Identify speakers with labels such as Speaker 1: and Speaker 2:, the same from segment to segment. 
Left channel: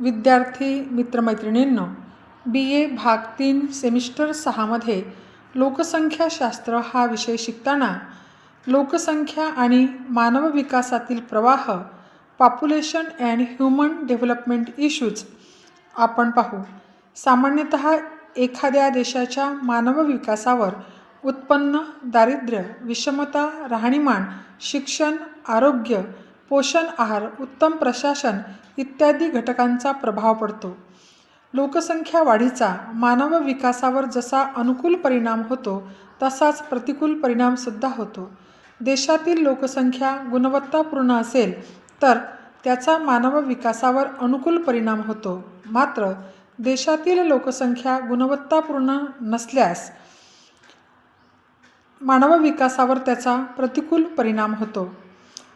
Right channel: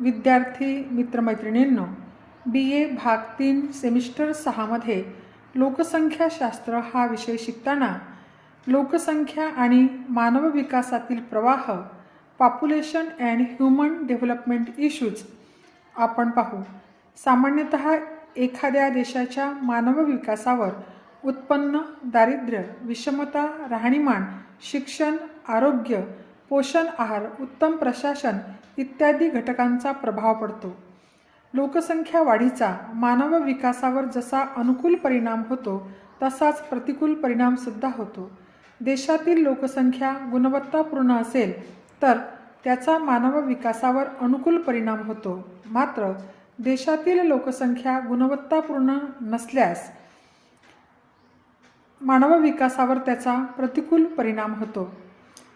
Speaker 1: विद्यार्थी मित्रमैत्रिणींनो बी ए भाग तीन सेमिस्टर सहामध्ये लोकसंख्याशास्त्र हा विषय शिकताना लोकसंख्या आणि मानव विकासातील प्रवाह population and human development issues आपण पाहू. सामान्यतः एखाद्या देशाच्या मानव विकासावर उत्पन्न दारिद्र्य विषमता राहणीमान शिक्षण आरोग्य पोषण आहार उत्तम प्रशासन इत्यादी घटकांचा प्रभाव पडतो. लोकसंख्या वाढीचा मानव विकासावर जसा अनुकूल परिणाम होतो तसाच प्रतिकूल परिणामसुद्धा होतो. देशातील लोकसंख्या गुणवत्तापूर्ण असेल तर त्याचा मानव विकासावर अनुकूल परिणाम होतो. मात्र देशातील लोकसंख्या गुणवत्तापूर्ण नसल्यास मानव विकासावर त्याचा प्रतिकूल परिणाम होतो.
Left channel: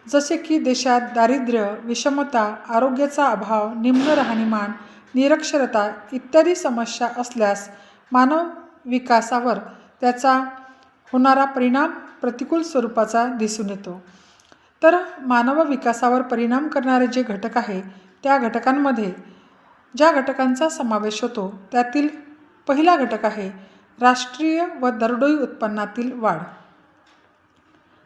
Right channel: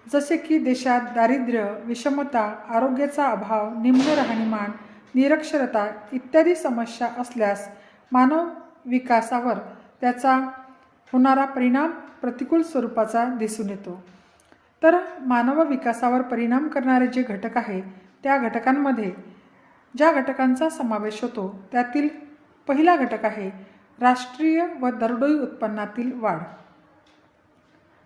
Speaker 1: जसे की देशात दारिद्र्य विषमता आरोग्याचा अभाव निम्न राहणीमान निरक्षरता इत्यादी समस्या असल्यास मानव विकासावर त्याचा होणारा परिणाम प्रतिकूल स्वरूपाचा दिसून येतो. तर मानव विकासावर परिणाम करणारे जे घटक आहे त्या घटकांमध्ये ज्या घटकांचा समावेश होतो त्यातील पहिला घटक आहे राष्ट्रीय व दरडोई उत्पन्नातील वाढ.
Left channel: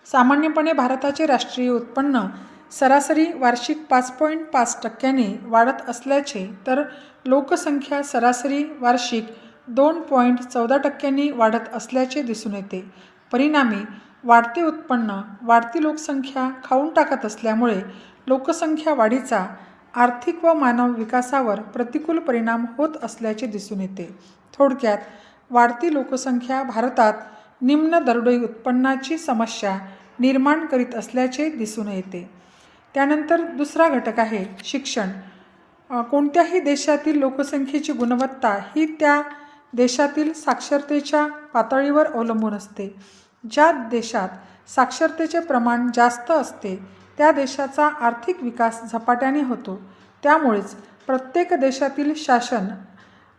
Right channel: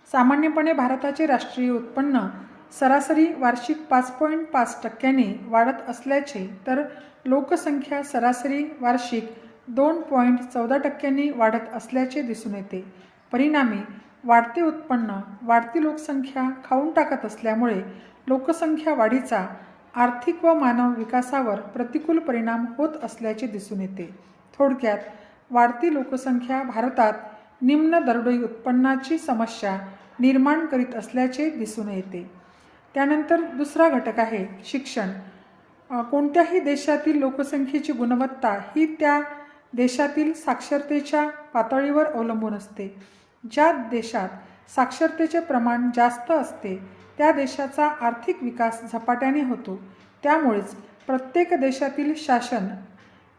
Speaker 1: सामान्यपणे भारताचे राष्ट्रीय उत्पन्न सरासरी वार्षिक पाच पॉईंट पाच टक्क्यांनी वाढत असल्याचे तर लोकसंख्या सरासरी वार्षिक दोन पॉईंट चौदा टक्क्यांनी वाढत असल्याचे दिसून येते. परिणामी वाढते उत्पन्न वाढती लोकसंख्या खाऊन टाकत असल्यामुळे लोकसंख्या वाढीचा आर्थिक व मानव विकासावर प्रतिकूल परिणाम होत असल्याचे दिसून येते. थोडक्यात वाढती लोकसंख्या भारतात निम्न दरडोई उत्पन्नाची समस्या निर्माण करीत असल्याचे दिसून येते. त्यानंतर दुसरा घटक आहे शिक्षण. कोणत्याही देशातील लोकसंख्येची गुणवत्ता ही त्या देशातील साक्षरतेच्या पातळीवर अवलंबून असते. ज्या देशात साक्षरतेचे प्रमाण जास्त असते त्या देशाचा आर्थिक विकास झपाट्याने होतो. त्यामुळेच प्रत्येक देशातील शासन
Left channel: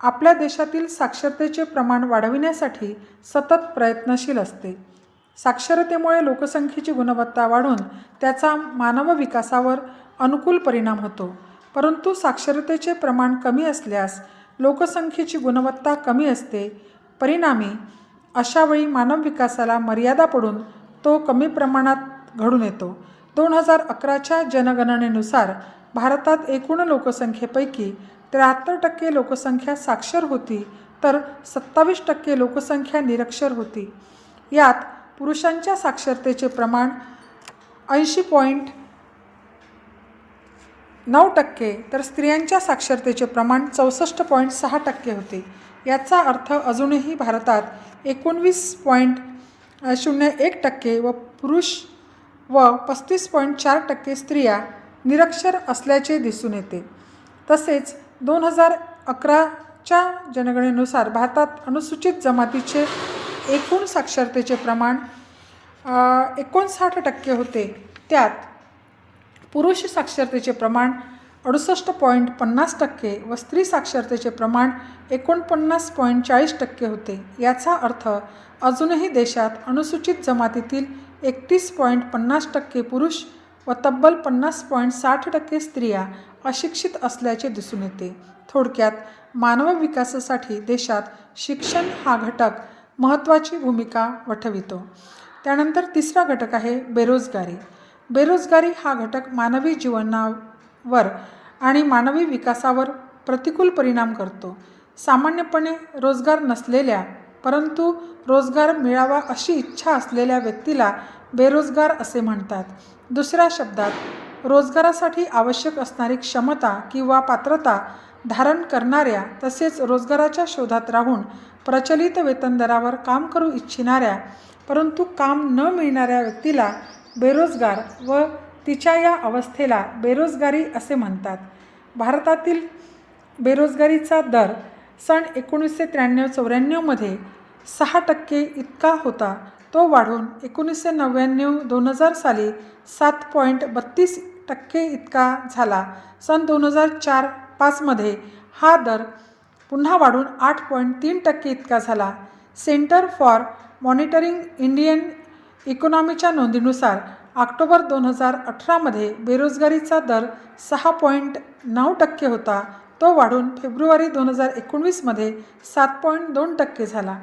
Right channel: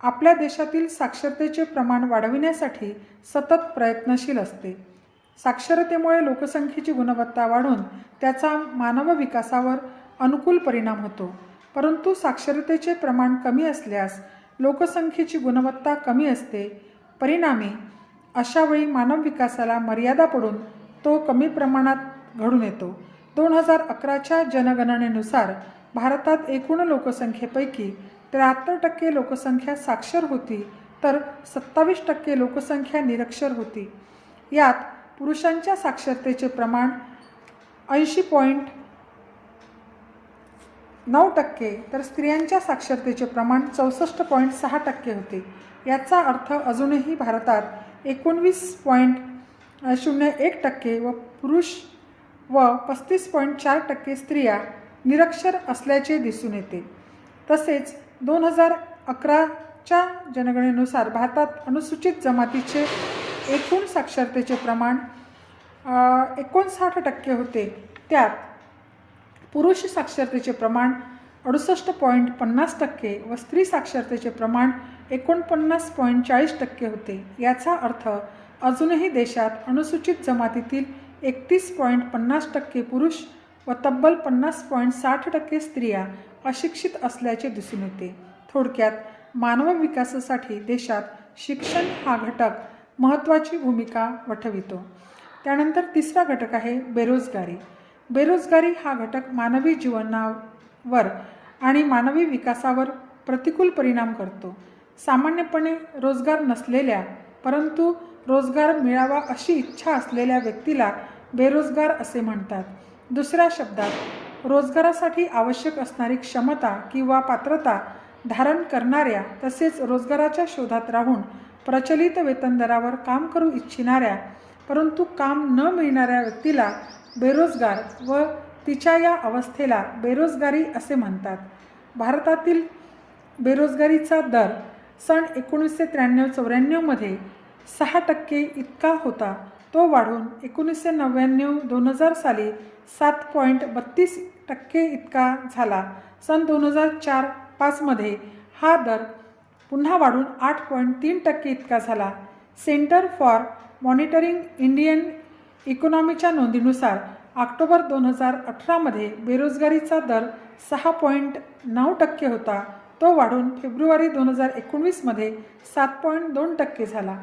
Speaker 1: आपल्या देशातील साक्षरतेचे प्रमाण वाढविण्यासाठी सतत प्रयत्नशील असते. साक्षरतेमुळे लोकसंख्येची गुणवत्ता वाढून त्याचा मानव विकासावर अनुकूल परिणाम होतो. परंतु साक्षरतेचे प्रमाण कमी असल्यास लोकसंख्येची गुणवत्ता कमी असते. परिणामी अशावेळी मानव विकासाला मर्यादा पडून तो कमी प्रमाणात घडून येतो. दोन हजार अकराच्या जनगणनेनुसार भारतात एकूण लोकसंख्येपैकी त्र्याहत्तर टक्के लोकसंख्या साक्षर होती तर सत्तावीस टक्के लोकसंख्या निरक्षर होती. यात पुरुषांच्या साक्षरतेचे प्रमाण ऐंशी पॉईंट नऊ टक्के तर स्त्रियांच्या साक्षरतेचे प्रमाण चौसष्ट पॉईंट सहा टक्के होते. याचा अर्थ अजूनही भारतात एकोणवीस पॉईंट शून्य एक टक्के व पुरुष व पस्तीस पॉईंट चार टक्के स्त्रिया निरक्षर असल्याचे दिसून येते. तसेच दोन हजार अकराच्या जनगणनेनुसार भारतात अनुसूचित जमातीचे एकूण साक्षरतेचे प्रमाण एकोणसाठ टक्के होते. त्यात पुरुष साक्षरतेचे प्रमाण अडुसष्ट पॉईंट पन्नास टक्के व स्त्री साक्षरतेचे प्रमाण एकोणपन्नास पॉईंट चाळीस टक्के होते. याचा अर्थ अजूनही देशात अनुसूचित जमातीतील एकतीस पॉईंट पन्नास टक्के पुरुष व तब्बल पन्नास पॉईंट साठ टक्के स्त्रिया अशिक्षित असल्याचे दिसून येते. थोडक्यात मानव विकासासाठी देशात शिक्षण हा घटक महत्त्वाची भूमिका वठवितो. त्यानंतर तिसरा घटक आहे बेरोजगारी. बेरोजगारी हा घटक मानवी जीवनावर आणि मानवी विकासावर प्रतिकूल परिणाम करतो. सामान्यपणे रोजगार नसलेल्या परंतु रोजगार मिळावा अशी इच्छा असलेल्या व्यक्तीला बेरोजगार असे म्हणतात. दुसऱ्या शब्दात रोजगारासाठी आवश्यक असणारी क्षमता किंवा पात्रता धारण करणाऱ्या तसेच रोजगाराच्या शोधात राहून प्रचलित वेतन दरावर काम करू इच्छिणाऱ्या परंतु काम न मिळणाऱ्या व्यक्तीला बेरोजगार व तिच्या या अवस्थेला बेरोजगारी असे म्हणतात. भारतातील बेरोजगारीचा दर सन एकोणीसशे त्र्याण्णव चौऱ्याण्णवमध्ये सहा टक्के इतका होता. तो वाढून एकोणीसशे नव्याण्णव दोन हजार साली सात पॉईंट बत्तीस टक्के इतका झाला. सन दोन हजार चार पाचमध्ये हा दर पुन्हा वाढून आठ पॉईंट तीन टक्के इतका झाला. सेंटर फॉर मॉनिटरिंग इंडियन इकॉनॉमीच्या नोंदीनुसार ऑक्टोबर दोन हजार अठरामध्ये बेरोजगारीचा दर सहा पॉईंट नऊ टक्के होता. तो वाढून फेब्रुवारी दोन हजार एकोणवीसमध्ये सात पॉईंट दोन टक्के झाला.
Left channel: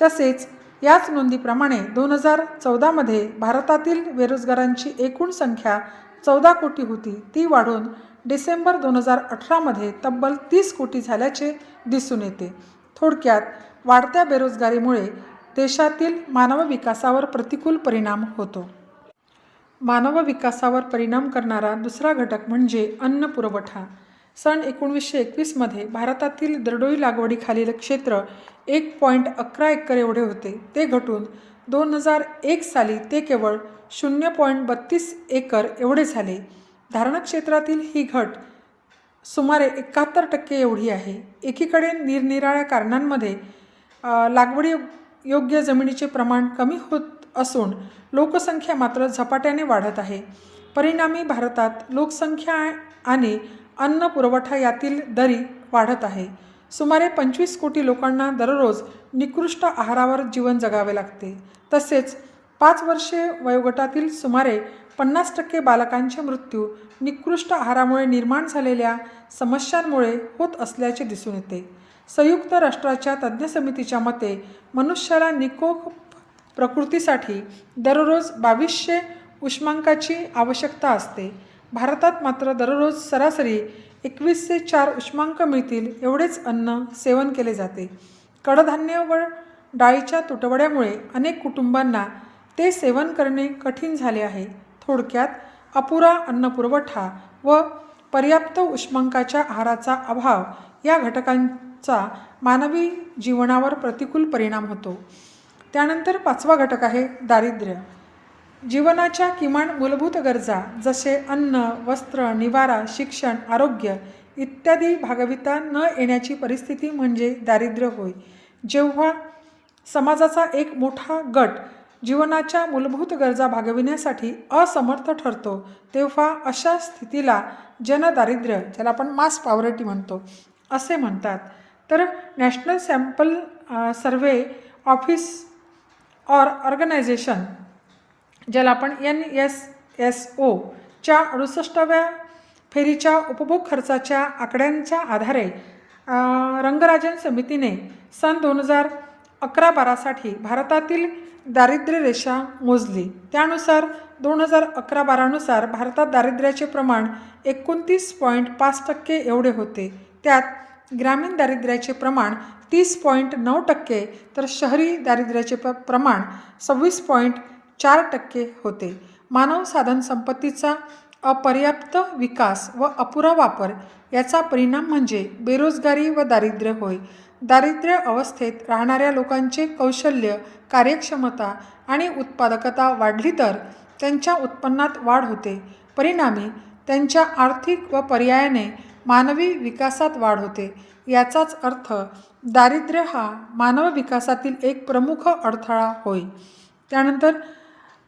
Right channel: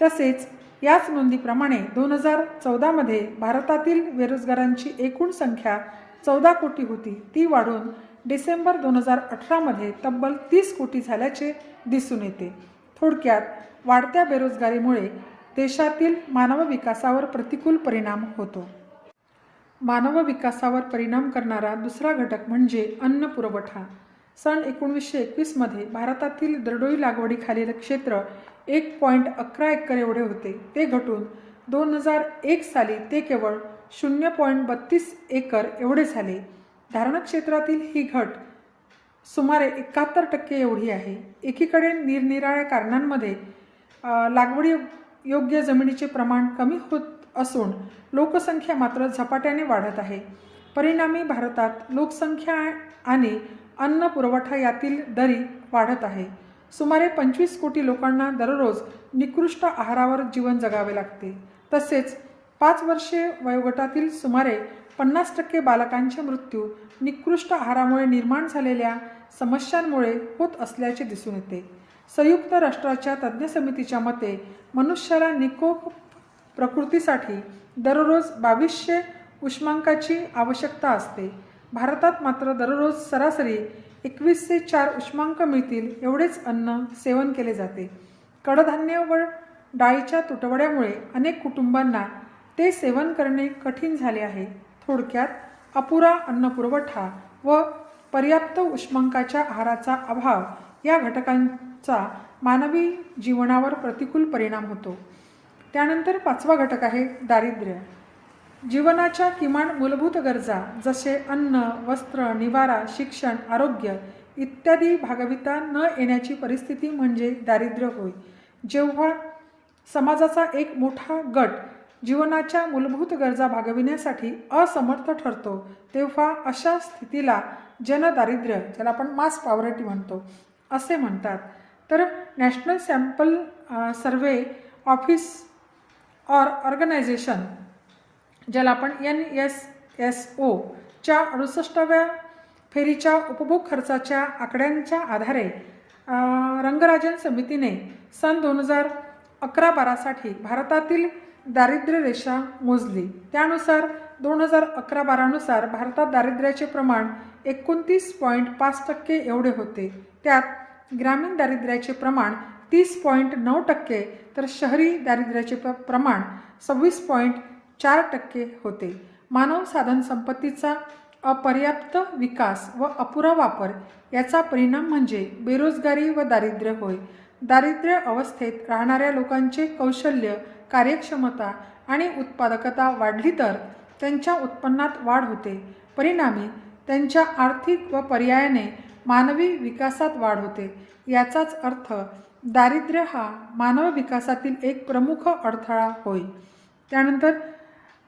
Speaker 1: तसेच याच नोंदीप्रमाणे दोन हजार चौदामध्ये भारतातील बेरोजगारांची एकूण संख्या चौदा कोटी होती. ती वाढून डिसेंबर दोन हजार अठरामध्ये तब्बल तीस कोटी झाल्याचे दिसून येते. थोडक्यात वाढत्या बेरोजगारीमुळे देशातील मानव विकासावर प्रतिकूल परिणाम होतो. मानव विकासावर परिणाम करणारा दुसरा घटक म्हणजे अन्न पुरवठा. सन एकोणीसशे एकवीसमध्ये भारतातील दरडोई लागवडीखालील क्षेत्र एक पॉईंट अकरा एकर एवढे होते. ते घटून दोन हजार एक साली ते केवळ शून्य पॉईंट बत्तीस एकर एवढे झाले. धारण क्षेत्रातील ही घट सुमारे एकाहत्तर टक्के एवढी आहे. एकीकडे निरनिराळ्या कारणांमध्ये लागवडी योग्य जमिनीचे प्रमाण कमी होत असून लोकसंख्या मात्र झपाट्याने वाढत आहे. परिणामी भारतात लोकसंख्या आणि अन्न पुरवठा यातील दरी वाढत आहे. सुमारे पंचवीस कोटी लोकांना दररोज निकृष्ट आहारावर जीवन जगावे लागते. तसेच पाच वर्षे वयोगटातील सुमारे पन्नास टक्के बालकांचे मृत्यू निकृष्ट आहारामुळे निर्माण झालेल्या समस्यांमुळे होत असल्याचे दिसून येते. संयुक्त राष्ट्राच्या तज्ज्ञ समितीच्या मते मनुष्याला निकोप प्रकृतीसाठी दररोज बावीसशे उष्मांकाची आवश्यकता असते. भारतात मात्र दररोज सरासरी एकवीस ते चार उष्मांक मिळतील एवढेच अन्न सेवन केले जाते. कडधान्य व डाळीच्या तुटवड्यामुळे अनेक कुटुंबांना ते सेवन करणे कठीण झाले आहे. थोडक्यात अपुरा अन्नपुरवठा व पर्याप्त उष्मांकाच्या आहाराचा अभाव या घटकांचा मानवी जीवनावर प्रतिकूल परिणाम होतो. त्यानंतर पाचवा घटक आहे दारिद्र्य. जीवनाच्या किमान मूलभूत गरजा जसे अन्न वस्त्र निवारा शिक्षण आरोग्य इत्यादी भागविता न येण्याची परिस्थिती म्हणजे दारिद्र्य होय. जेव्हा समाजाचा एक मोठा गट जीवनाच्या मूलभूत गरजा भागविण्यासाठी असमर्थ ठरतो तेव्हा अशा स्थितीला जनदारिद्र्य ज्याला आपण मास पॉवर्टी म्हणतो असे म्हणतात. तर national sample survey office or organisation ज्याला आपण एन एस एस ओच्या अडुसष्टाव्या फेरीच्या उपभोग खर्चाच्या आकड्यांच्या आधारे रंगराजन समितीने सन दोन हजार अकरा बारासाठी भारतातील दारिद्र्य रेषा मोजली. त्यानुसार दोन हजार अकरा बारानुसार भारतात दारिद्र्याचे प्रमाण एकोणतीस पॉईंट पाच टक्के एवढे होते. त्यात ग्रामीण दारिद्र्याचे प्रमाण तीस पॉईंट नऊ टक्के तर शहरी दारिद्र्याचे प प्रमाण सव्वीस पॉईंट चार टक्के होते. मानव साधन संपत्तीचा अपर्याप्त विकास व अपुरा वापर याचा परिणाम म्हणजे बेरोजगारी व दारिद्र्य होय. दारिद्र्य अवस्थेत राहणाऱ्या लोकांचे कौशल्य कार्यक्षमता आणि उत्पादकता वाढली तर त्यांच्या उत्पन्नात वाढ होते. परिणामी त्यांच्या आर्थिक व पर्यायाने मानवी विकासात वाढ होते. याचाच अर्थ दारिद्र्य हा मानव विकासातील एक प्रमुख अडथळा होय. त्यानंतर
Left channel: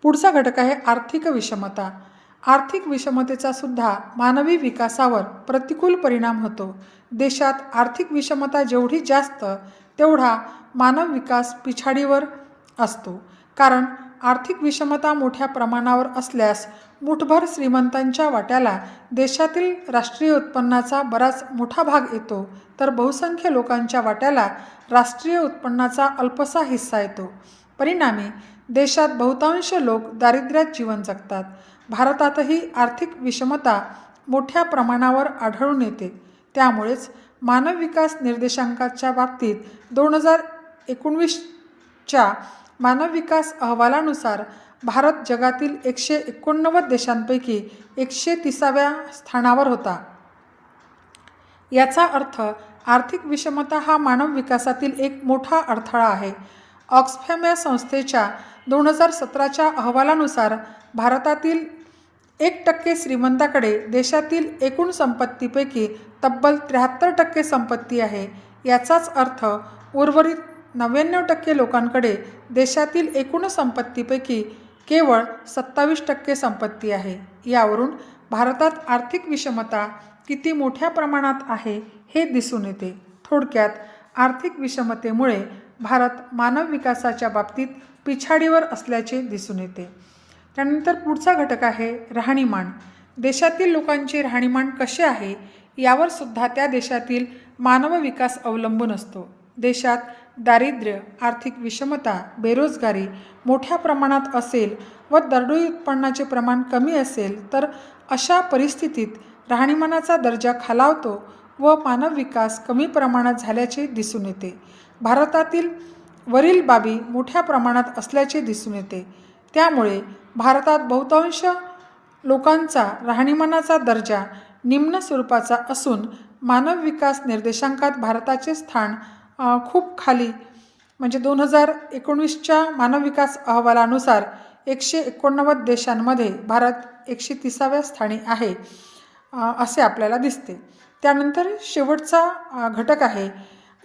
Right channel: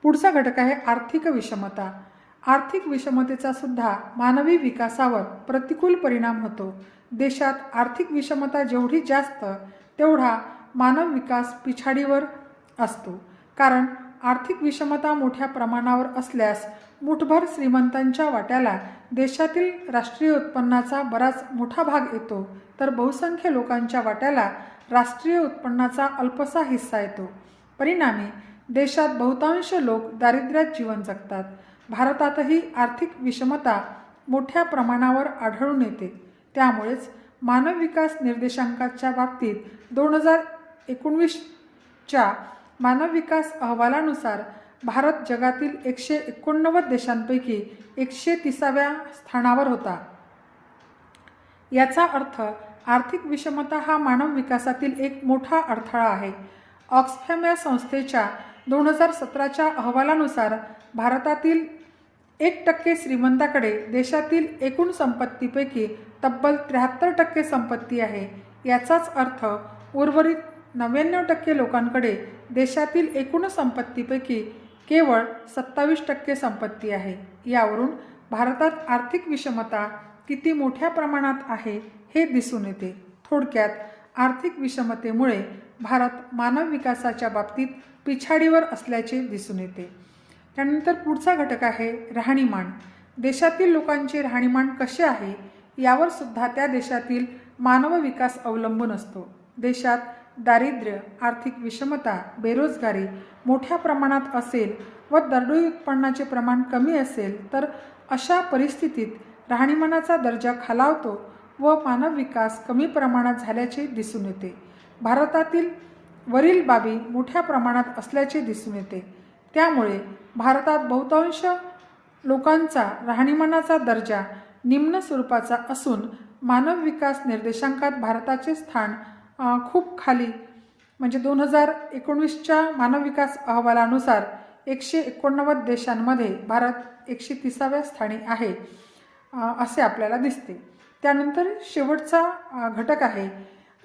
Speaker 1: पुढचा घटक आहे आर्थिक विषमता. आर्थिक विषमतेचा सुद्धा मानवी विकासावर प्रतिकूल परिणाम होतो. देशात आर्थिक विषमता जेवढी जास्त तेवढा मानव विकास पिछाडीवर असतो. कारण आर्थिक विषमता मोठ्या प्रमाणावर असल्यास मुठभर श्रीमंतांच्या वाट्याला देशातील राष्ट्रीय उत्पन्नाचा बराच मोठा भाग येतो. तर बहुसंख्य लोकांच्या वाट्याला राष्ट्रीय उत्पन्नाचा अल्पसा हिस्सा येतो. परिणामी देशात बहुतांश लोक दारिद्र्यात जीवन जगतात. भारतातही आर्थिक विषमता मोठ्या प्रमाणावर आढळून येते. त्यामुळेच मानव विकास निर्देशांकाच्या बाबतीत दोन हजार एकोणवीसच्या मानव विकास अहवालानुसार भारत जगातील एकशे एकोणनव्वद देशांपैकी एकशे तिसाव्या स्थानावर होता. याचा अर्थ आर्थिक विषमता हा मानव विकासातील एक मोठा अडथळा आहे. ऑक्सफॅम या संस्थेच्या दोन हजार सतराच्या अहवालानुसार भारतातील एक टक्के श्रीमंताकडे देशातील एकूण संपत्तीपैकी तब्बल त्र्याहत्तर टक्के संपत्ती आहे. याचाच अर्थ उर्वरित नव्याण्णव टक्के लोकांकडे देशातील एकूण संपत्तीपैकी केवळ सत्तावीस टक्के संपत्ती आहे. यावरून भारतात आर्थिक विषमता किती मोठ्या प्रमाणात आहे हे दिसून येते. थोडक्यात आर्थिक विषमतेमुळे भारत मानव विकासाच्या बाबतीत पिछाडीवर असल्याचे दिसून येते. त्यानंतर पुढचा घटक आहे राहणीमान. देशातील लोकांचे राहणीमान कसे आहे यावर सुद्धा त्या देशातील मानव विकास अवलंबून असतो. देशात दारिद्र्य आर्थिक विषमता बेरोजगारी मोठ्या प्रमाणात असेल व दरडोई उत्पन्नाचे प्रमाण कमी असेल तर अशा परिस्थितीत राहणीमानाचा दर्जा खालावतो व मानव विकास कमी प्रमाणात झाल्याचे दिसून येते. भारतातील वरील बाबी मोठ्या प्रमाणात असल्याचे दिसून येते. त्यामुळे भारतात बहुतांश लोकांचा राहणीमानाचा दर्जा निम्न स्वरूपाचा असून मानव विकास निर्देशांकात भारताचे स्थान खूप खाली म्हणजे दोन हजार एकोणवीसच्या मानव विकास अहवालानुसार एकशे एकोणनव्वद देशांमध्ये भारत एकशे तिसाव्या स्थानी आहे असे आपल्याला दिसते. त्यानंतर शेवटचा घटक आहे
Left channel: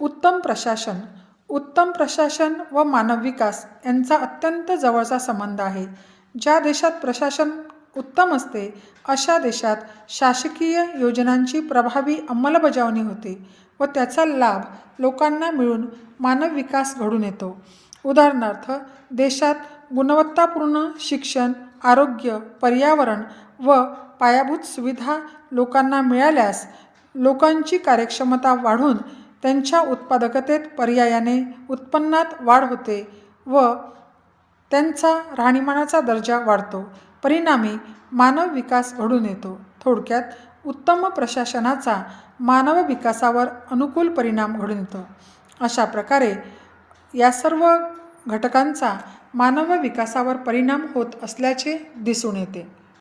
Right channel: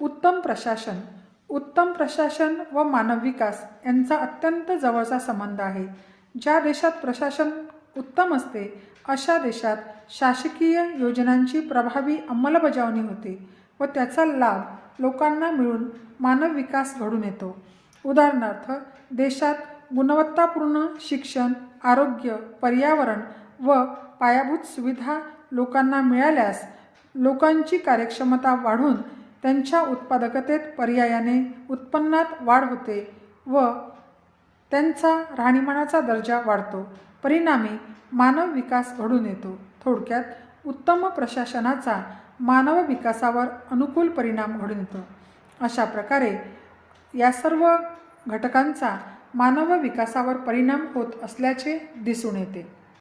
Speaker 1: उत्तम प्रशासन उत्तम प्रशासन व मानव विकास यांचा अत्यंत जवळचा संबंध आहे. ज्या देशात प्रशासन उत्तम असते अशा देशात शासकीय योजनांची प्रभावी अंमलबजावणी होते व त्याचा लाभ लोकांना मिळून मानव विकास घडून येतो. उदाहरणार्थ देशात गुणवत्तापूर्ण शिक्षण आरोग्य पर्यावरण व पायाभूत सुविधा लोकांना मिळाल्यास लोकांची कार्यक्षमता वाढून त्यांच्या उत्पादकतेत पर्यायाने उत्पन्नात वाढ होते व त्यांचा राहणीमानाचा दर्जा वाढतो. परिणामी मानव विकास घडून येतो. थोडक्यात उत्तम प्रशासनाचा मानव विकासावर अनुकूल परिणाम घडून येतो. अशा प्रकारे या सर्व घटकांचा मानव विकासावर परिणाम होत असल्याचे दिसून येते.